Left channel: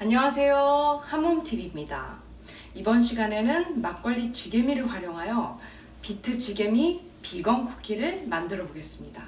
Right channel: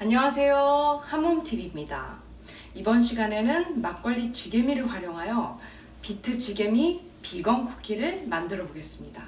안녕하세요. 한몸TV입니다. 이번 시간에는 막걸리 지게미를 활용하여 비트 지게미 비건 쿠키를 만들어 보겠습니다.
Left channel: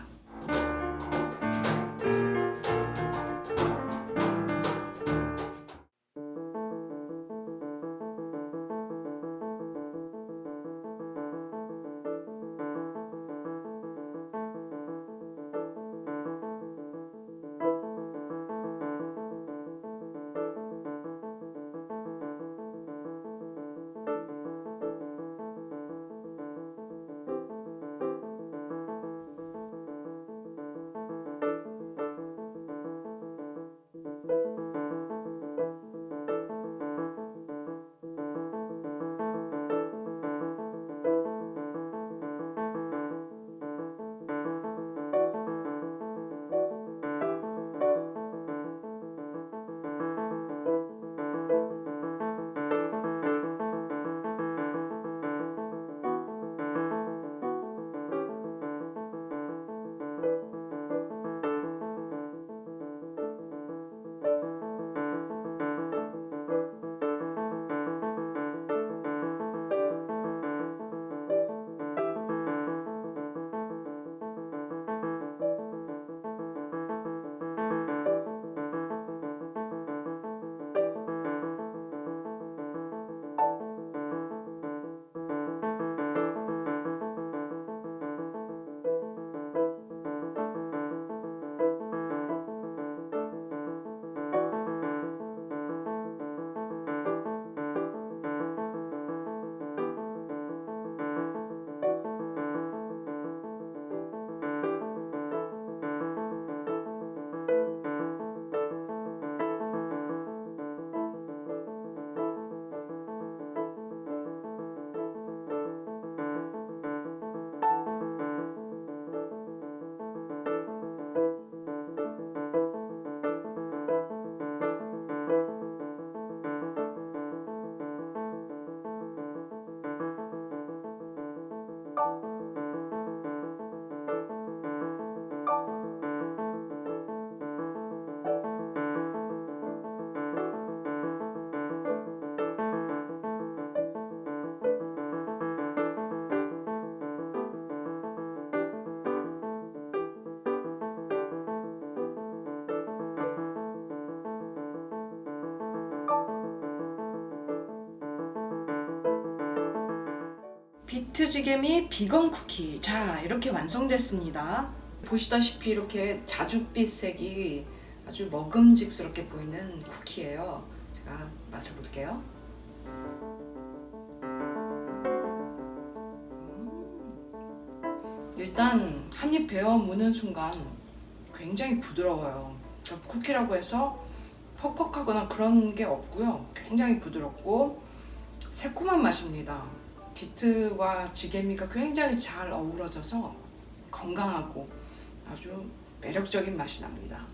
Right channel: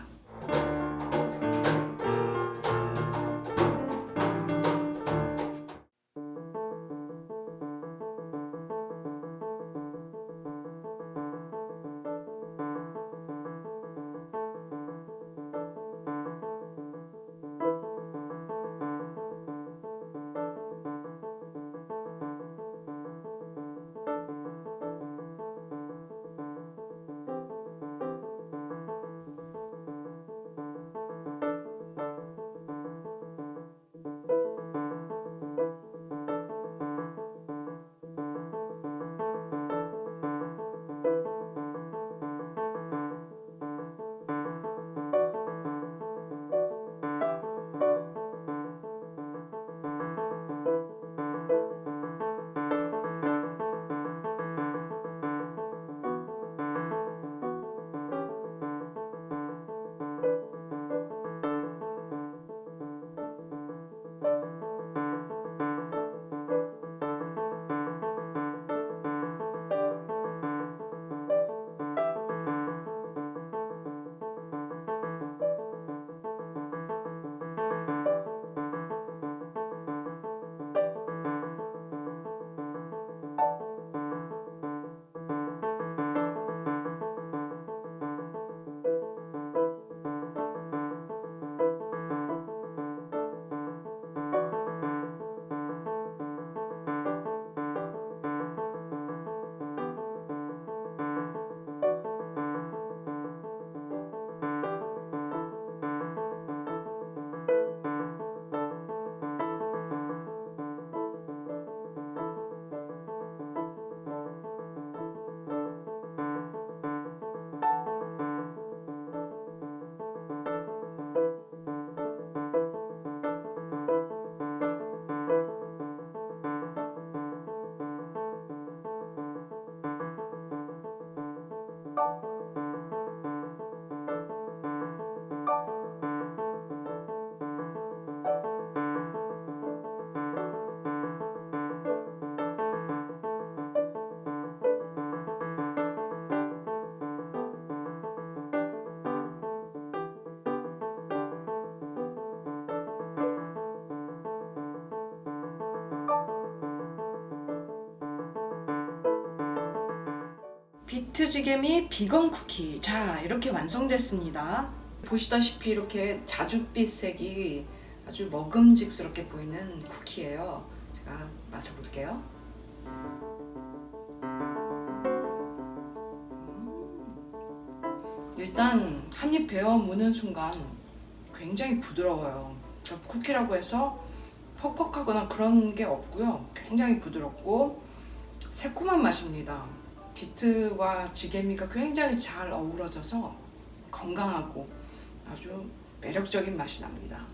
비트 지게미 비건 쿠키, 자 이렇게 완성됐습니다. 보시다시피 이렇게 자줏빛 색이 아주 먹음직스럽게 보이는 쿠키예요. 제가 맛을 볼게요. 일단 한 입 베어 무는 순간 굉장히 부드러워요. 그러니까 쿠키라고 해서 퍽퍽하거나 그런 게 없고요. 굉장히 부드럽고 새콤한 맛입니다. 비트와 지게미가 굉장히 잘 어우러져서 건강하고 아주 매력적인 맛이 납니다.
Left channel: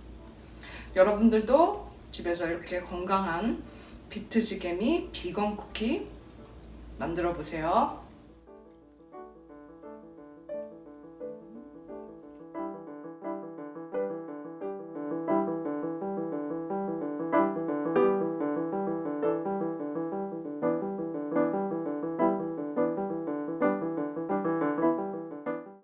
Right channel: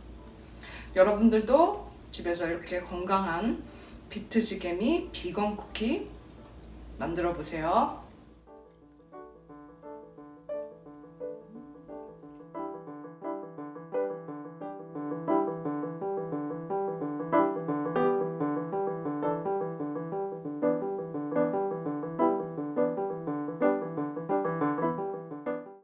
여러분들도 집에서 이렇게 건강한 비트 지게미 비건 쿠키 만들어 보세요.